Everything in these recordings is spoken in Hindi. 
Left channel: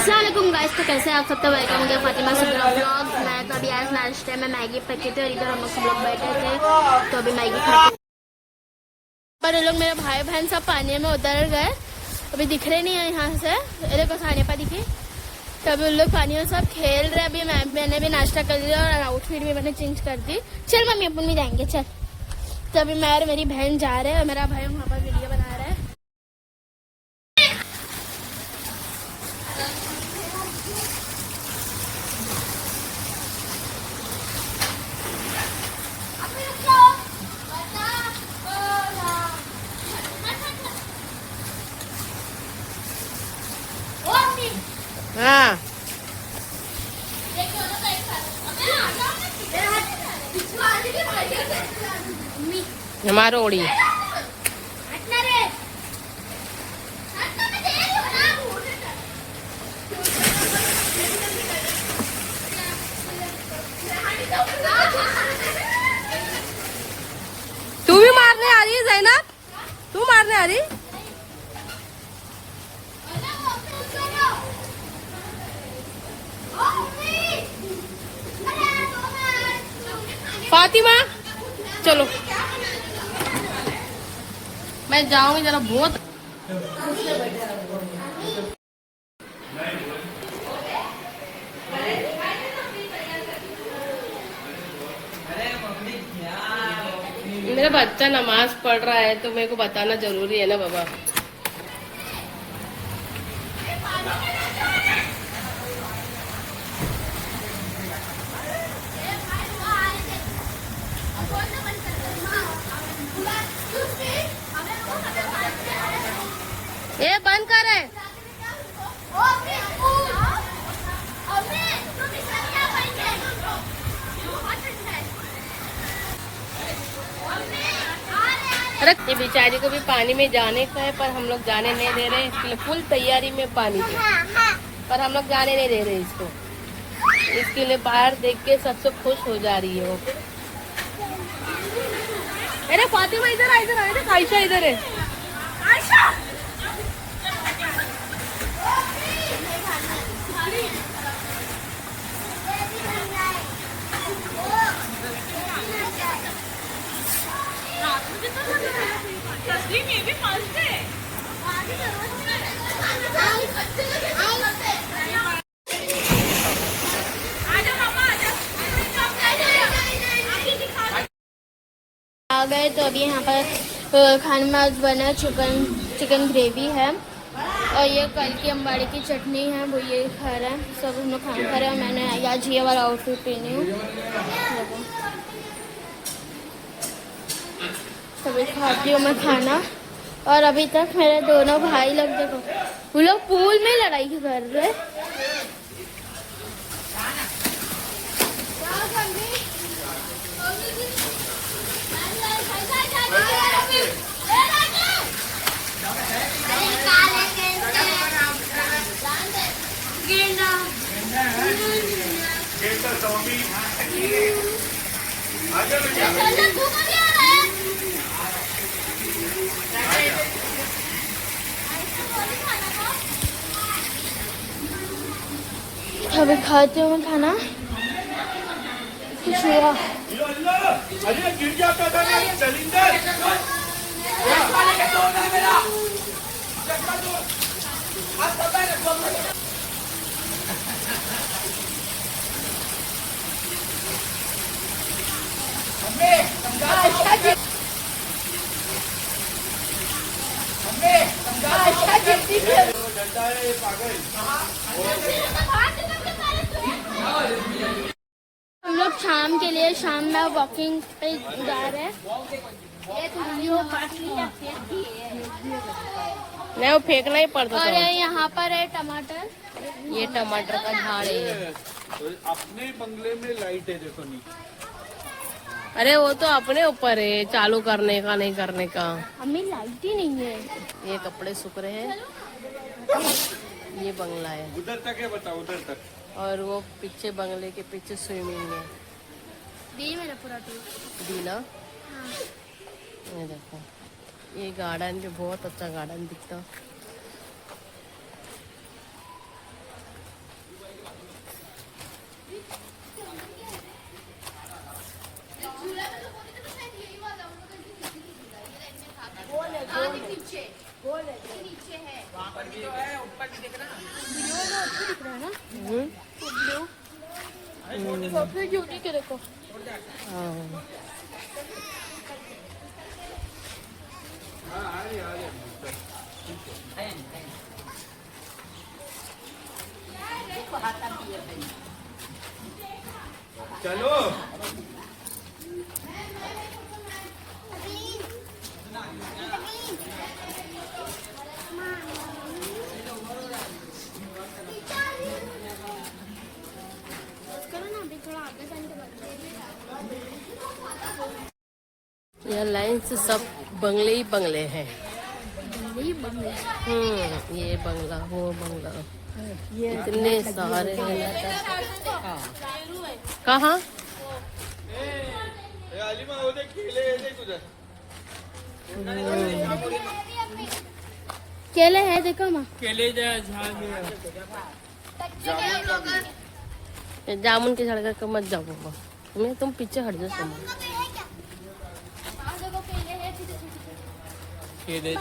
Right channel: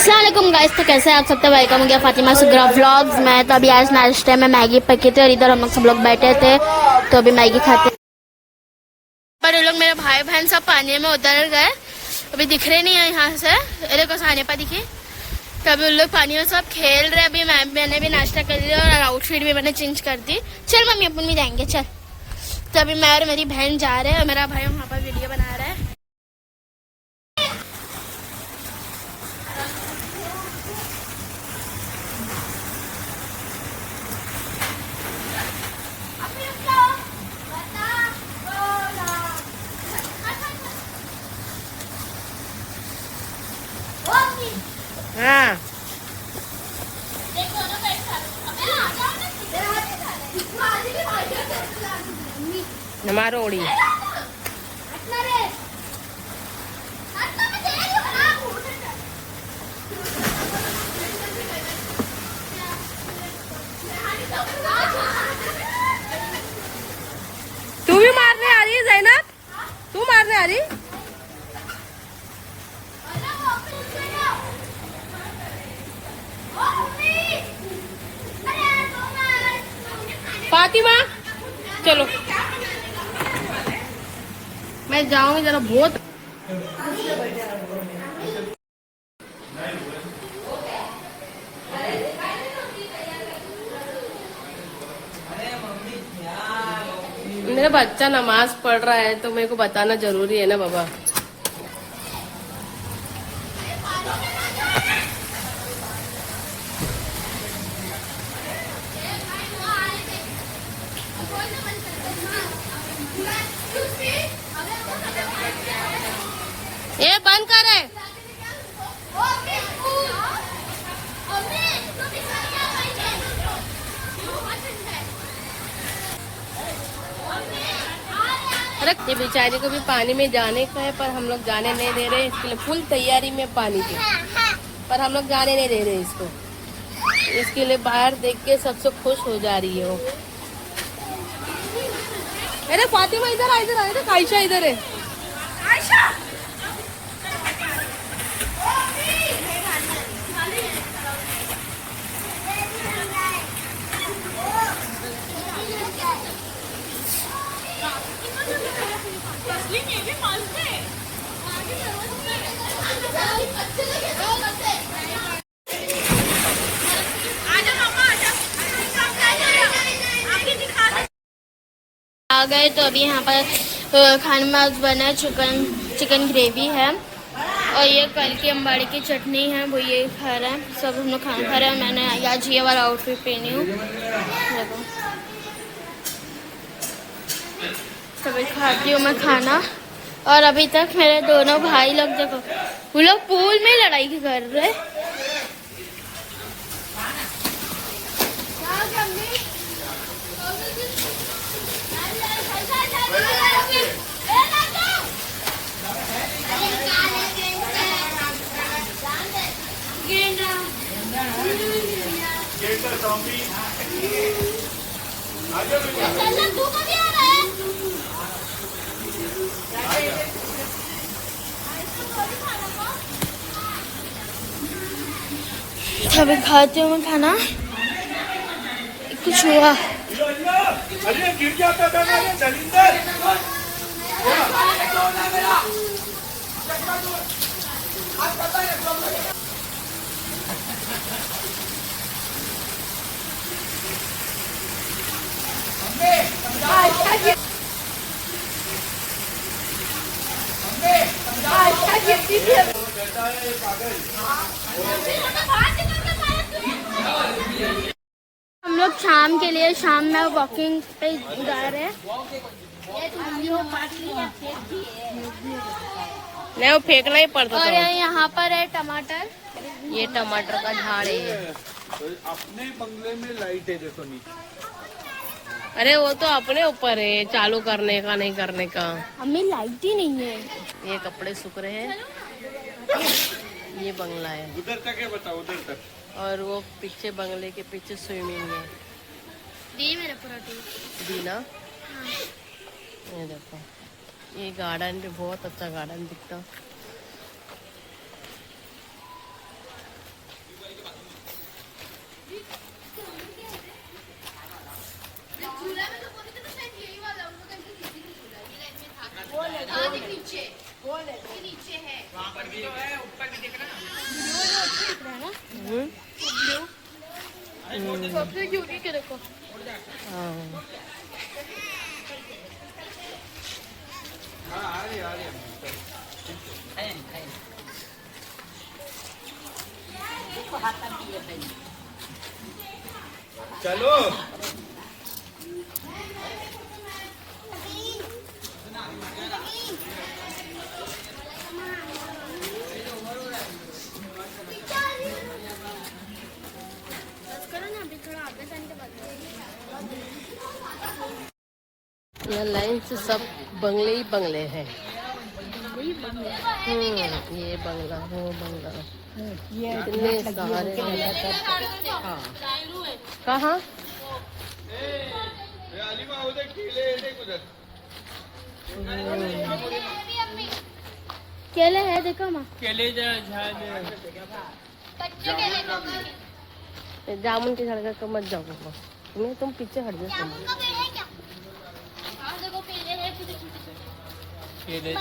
अस्सलाम वालेकुम गाइस, तो कैसे आप सब? तो वेलकम हो गया फातिमा सुगरा व्लॉग्स। मैं तो अभी आज नाश्ते में मैगी पकी थी और इधर हम लोग सब लोग बैठे थे तो अभी मैगी खाते। पर ये लोग मेरे भाई बहन सब पानी में उतर गए, अभी दिख रहे नहीं है यहाँ से। अरे को खाने पर दिखे तो अभी उन लोग पानी में सब खेल रहे। अभी मैंने भी नाश्ता कर लिया और आउटफिट भी मैंने चेंज कर दी। चल मम्मी अपन भी जाएंगे चल। तो अभी मैं और मेरी बहन जा रहे हैं और मेरा भाई वहाँ पर वीडियो बना रहा है। हाँ हमारा ओड़ी तू भी मारने आ रही है ज़ैनब? तू मारने आ रही? फातिमा चलो मैं जाऊंगी जरा बहुत। मेरा बच्चा नमाज पढ़ रहा है तो मेरे को बताना जरूरी है ना बाबा। ये बंद करे। अरे ये बेचारी को भी पानी में जाने का है पर हम लोग जाने नहीं दे रहे। इसके लिए फुल तैयारी में पानी की, पर हम लोग जाने नहीं दे रहे इसको। इसके लिए बाहर देख के सबसे खुश हो जा रही है वो। अरे फातिमा इधर आ, इधर आ, इधर आयशा इधर है। आयशा आ गए तो अभी यहाँ पर खाने में आज बना चिकन ग्रेवी है और ये कल की अम्बाड़ी की चटनी है, वो ये खा रहे हैं। सब हम लोग खाना खा रहे हैं। मैंने आज ये वाला आउटफिट पहनी हूँ, देखो। तभी खाती हूँ मैं खाना। और अभी तक मेरे दोनों भाई लोग देखो, वो लोग पूल में लड़ाई कर रहे। तभी खाती हूँ मैं खाना। कुछ हुआ गिर जाता था हम लोग शाम के लिए शाम में वॉकिंग पे जा रहे हैं। नहीं वो फेंकना ही पड़ता और था। यहाँ पर है टमाटर, ये टमाटर का झाड़ है। अपने ही बंगले में लाइट है देखो नीचे। अरे वो तो अपने ऊपर है, चालू करने का नहीं करने का। हमें लाइट ही नहीं है। ये कपड़े सूख रहे हैं। ये बंगला है उधर तक है, बताओ उधर तक। और वो पीछे बंगले के पीछे स्विमिंग है। दी मेरा पूरा दी ना। ये देखो ये गार्डन भी बहुत अच्छा गार्डन दिखता। सबसे यूनिक है देखो। हाँ। चलो यहाँ लाइन से सब बंगले ही बंगले हैं। ये बंगला वो बंगला इतने सारे हैं। कहाँ? केले है देखो माँ। केले जामुन के सड़क के मत जाओ पापा, तुम पीछे हट जाओ। केले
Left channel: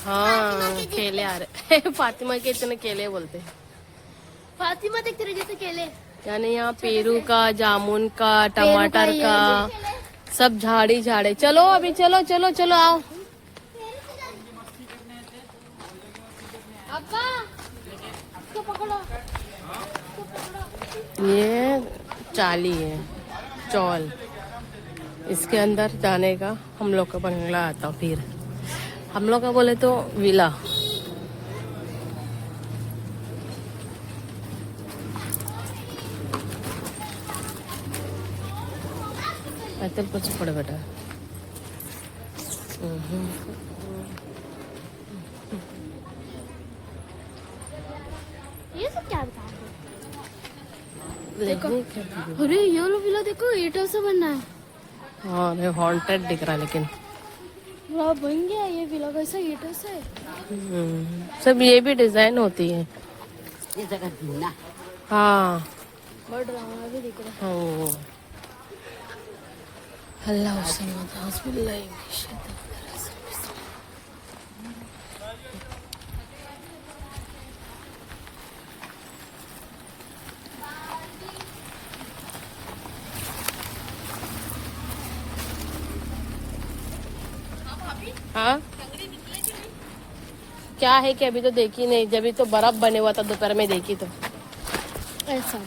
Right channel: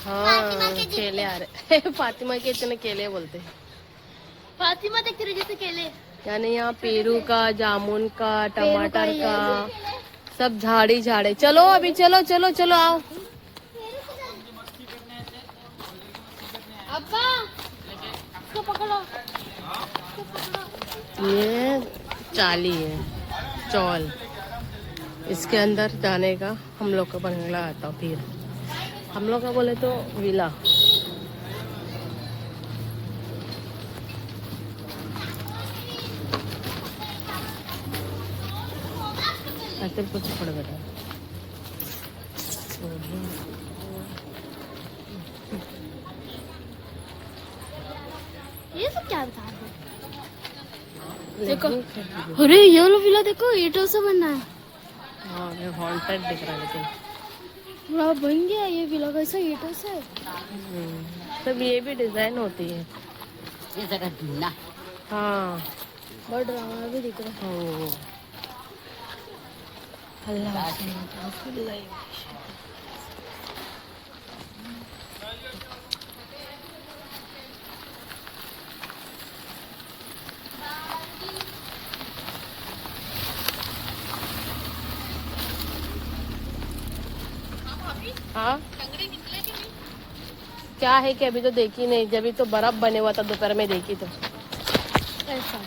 हाँ केले आ रहे फातिमा के इतने केले बोलते हैं। फातिमा देख रहे जैसे केले। यानी यहाँ पेरू का, जामुन का, टमाटर का सब झाड़ी झाड़े। चलो अभी चलो चलो चलो आओ। अब्बा इसको पकड़ो। ये चाली है चौल, इसके अंदर जाने का हम लोग का बंगला आता। फिर हम लोग का बोले तो विला। अच्छा कुछ पड़े बेटा। ये सब क्या बता देखो अरे ये वाला विला देखो ईंटों से बना है। हाँ ये हॉन्टेड दिख रहा है लेकिन वाह बन गया ये विला कैसा ईंटों से। सब ये भी डिजाइन होती है। हाँ बहुत ड्रामा भी दिख रहा है। अल्लाह हाँ क्या है कि अभी तो देखी नहीं, जब तो बर्फ बने हुआ था दोपहर में देखी तो ऐसा।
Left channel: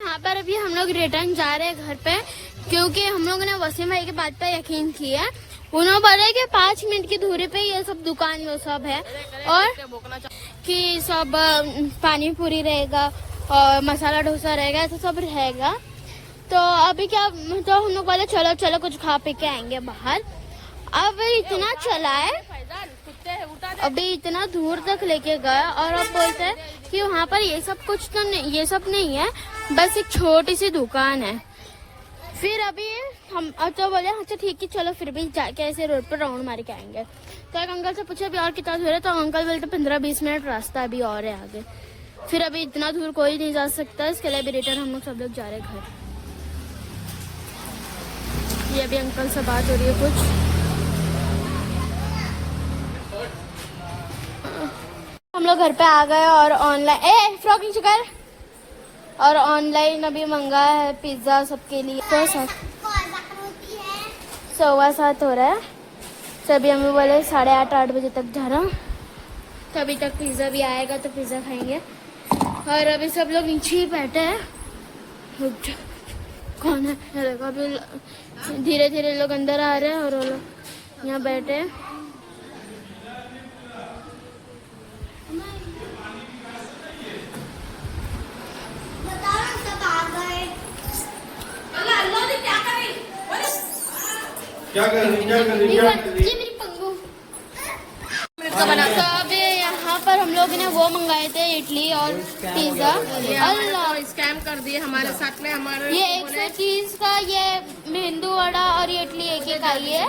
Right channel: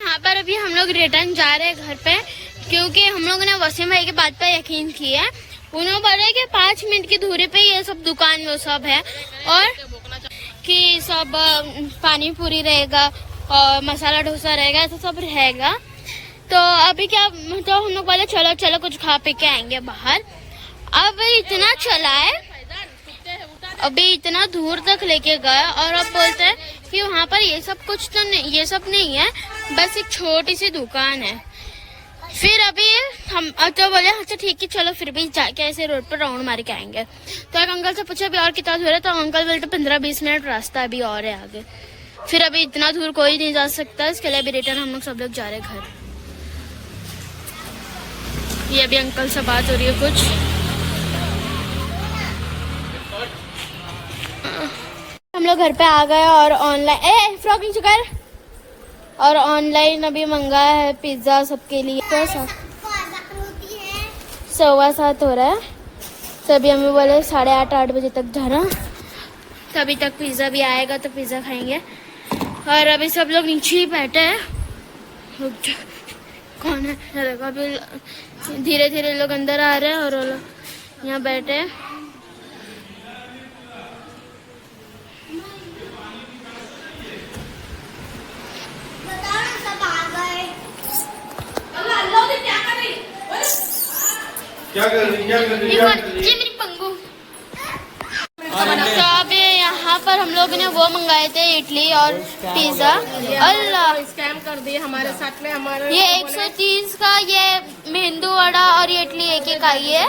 यहाँ पर अभी हम लोग रिटर्न जा रहे हैं घर पे, क्योंकि हम लोगों ने वसीम भाई की बात पर यकीन किया है। उन्होंने बोला कि 5 मिनट की दूरी पे ये सब दुकान वो सब है और कि सब पानी पूरी रहेगा और मसाला डोसा रहेगा, ऐसा सब रहेगा। तो अभी क्या तो हम लोग बोले चलो चलो कुछ खा पी के आएंगे बाहर। अब इतना चला है, अभी इतना दूर तक लेके गया और अब बोलते हैं कि वहाँ पर ये सब कुछ तो नहीं, ये सब नहीं है, बस एक छोटी सी दुकान है। फिर अभी हम तो बोले अच्छा ठीक है चलो फिर भी जाके ऐसे रोड पर राउंड मार के आएंगे। तो एक अंकल से पूछा अभी और कितना दूर है, तो अंकल बोलते 15-20 मिनट रास्ता अभी और है आगे। फिर अभी इतना दूर कोई नहीं जा सकता, इसके लिए अभी रिटर्न हम लोग सब लोग जा रहे हैं घर। ये अभी अंकल से बात हो रही है कुछ। हम लोग घर पे आ गए और ऑनलाइन फ्रॉकिंग चुका और ऑनलाइन अभी मंगाया है पिज्जा सबके लिए। 7:15 हो रहा है, तभी हमें बोले 8:30-8 बजे तक जाना, तभी तक पिज्जा भी आएगा तो पिज्जा खाएंगे। और अभी सब लोग नीचे ही बैठे हैं। कौन है देखो, अभी धीरे धीरे लोग अंदर आ रहे हैं और वो लोग यहाँ बैठे हैं। क्या कर रही ये मेरी पंगू। तो अभी यहाँ पर हम लोग ने वो मंगाए थे इडली और पिज्जा। अल्लाह स्कैन कर दिए हमारे साथ में। हमारे ये 130 का ये मेंदू वड़ा और ये इडली एक आई है।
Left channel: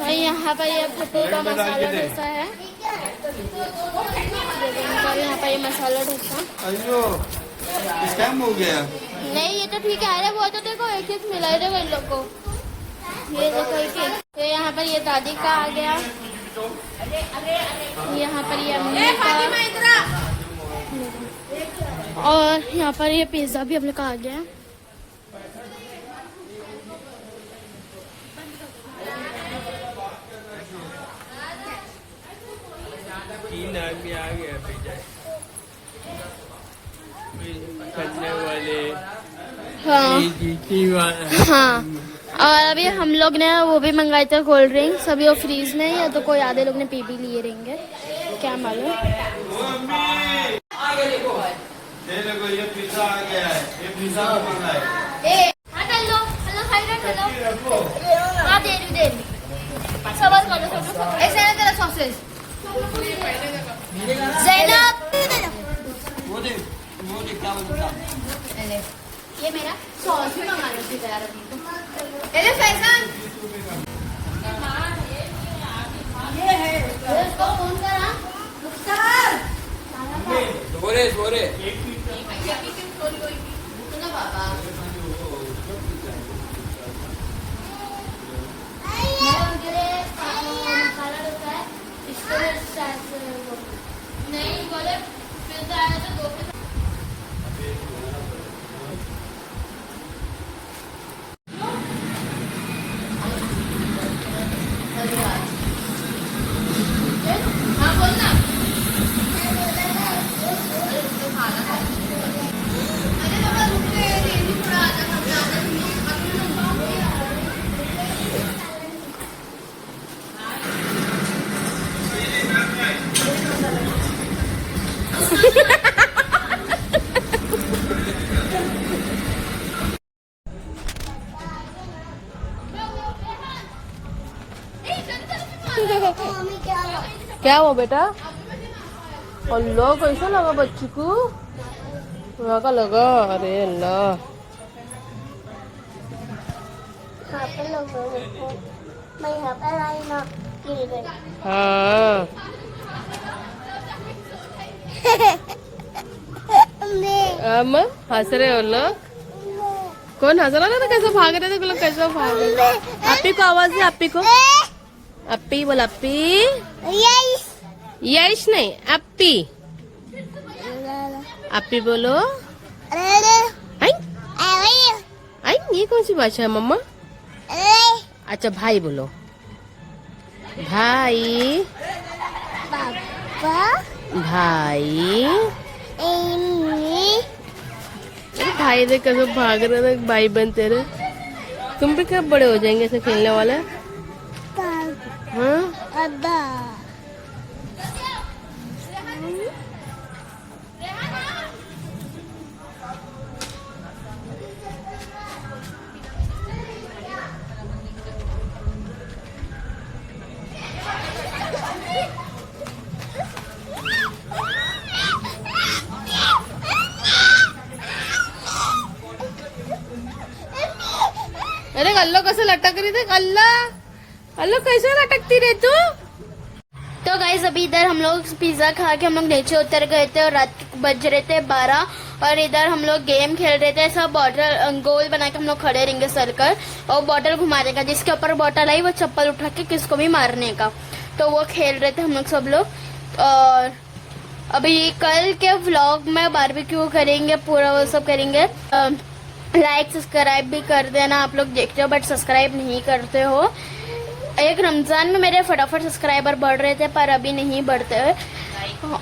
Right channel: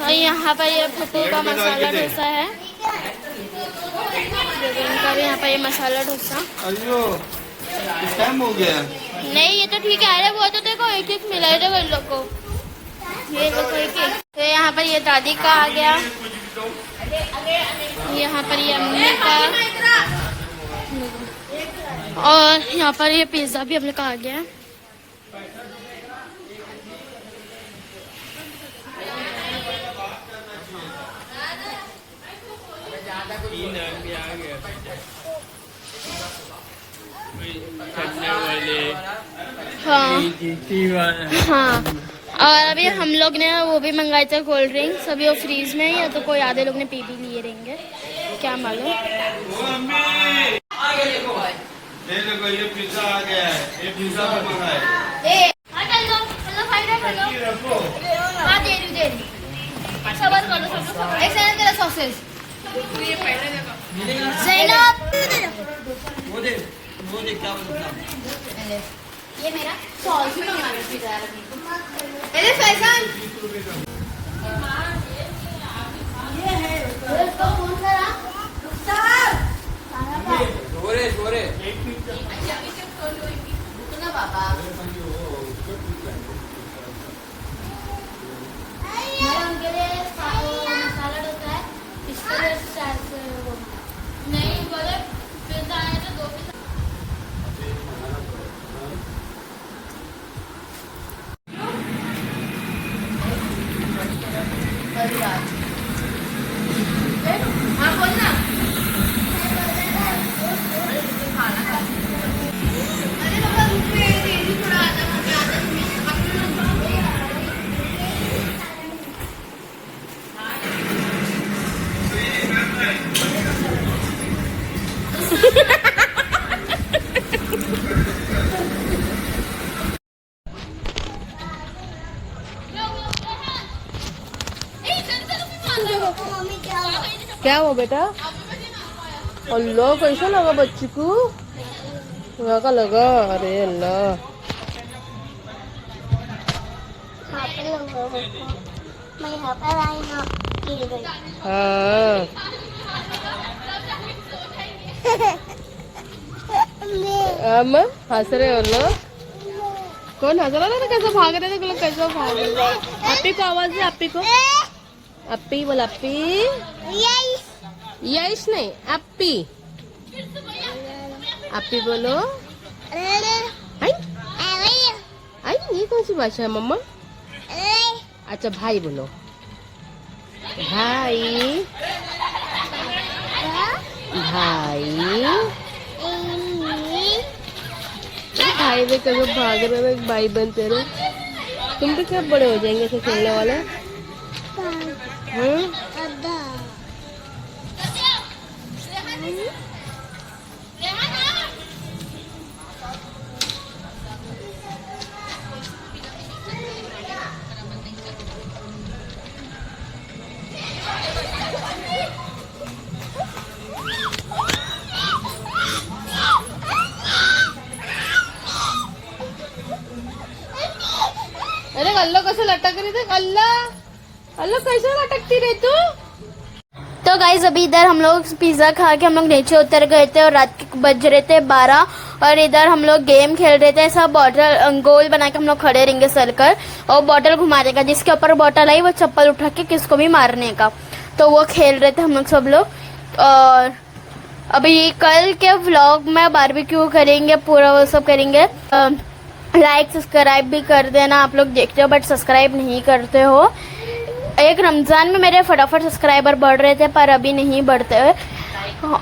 और यहाँ पर ये फुप्पू का मसाला डोसा है, इनका भी यहाँ पर ये मसाला डोसा। टाइम हो गया। नहीं ये तो ठीक है। अरे वो तो देखो एक एक मिला है देखो इन लोग को। ये देखो एक। तो यहाँ पर ये दादी का आ गया, यहाँ पर ये अम्मी का, और यहाँ पर ये पिज्जा भी अपने का आ गया। हाँ हाँ। और अभी हम लोग ने वो भी मंगाए थे कोल्ड ड्रिंक्स, अभी वो फ्रीज में ही है, तो कोई आधे लोग ने पी भी लिए रहेंगे, क्या मालूम। ये पिज्जा आ गया है, ये पिज्जा मंगाया है। वो देख क्या बोलता। ये मेरा सॉस भी मंगा लो पिज्जा। अरे फैशन बोरे नहीं बोले पिज्जा आया तो 2 पिज्जा। क्या हुआ बेटा? अल्लाह कैसा लगा बच्ची को? वहाँ का लगा? अरे अल्लाह। हाँ हंस रहे हो लोग? कौन हंस रहा था? कैसा भाग रहे थे लोग? कैसा भाग रहे थे? अप्पी को आवाज है, अप्पी को। अप्पी बोला, अप्पी। यश नहीं, अप्पी। अप्पी बोलो। आई आई, ये कौन सी भाषा है मम्मा? अच्छा भाई बोलो, भाई भाई। भाई देख कैसे भाग रहे थे भाई बहन तेरे। तुम भी कब बड़े हो जाएंगे ऐसे खेलने वाले? हाँ? अरे अल्लाह कैसे लटक रही थी? अल्लाह अल्लाह कैसे लटकती रही तू? तो गाइज अभी इधर हम लोग पिज्जा खा के हम लोग नीचे उतर गए थे और रात के बज रहे थे 12 और इधर हम लोग गेम खेल रहे थे। सब बॉटल गोल बना के हम लोग खड़े रहेंगे सर कर और बॉटल घुमा देगा, जिसके ऊपर बॉटल आई वो चप्पल उठा के किसको भी मारने का। तो वो खेल रहे थे हम लोग सब लोग। और अभी कल के व्लॉग में बारबेक्यू करेंगे, पूरा वो सब करेंगे। लाइक सब्सक्राइब भी कर देना, आप लोग देखते हो बट सब्सक्राइब नहीं करते हो। एक रमजान में मेरे फटाफट सब्सक्राइबर बढ़ रहे थे पर अभी नहीं बढ़ते।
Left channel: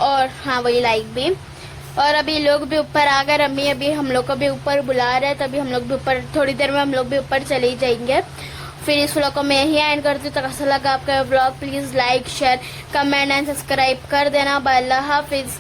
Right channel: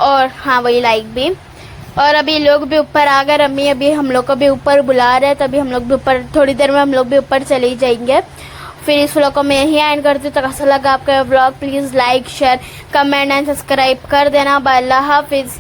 और हाँ वही लाइक भी। और अभी लोग भी ऊपर आ गए, अम्मी अभी हम लोग को भी ऊपर बुला रहे हैं, तभी हम लोग भी ऊपर थोड़ी देर में हम लोग भी ऊपर चले जाएंगे। फिर इस व्लॉग को मैं यही एंड करती हूँ। तो कैसा लगा आपका vlog? Please like share comment and subscribe कर देना। बाय, अल्लाह हाफिज।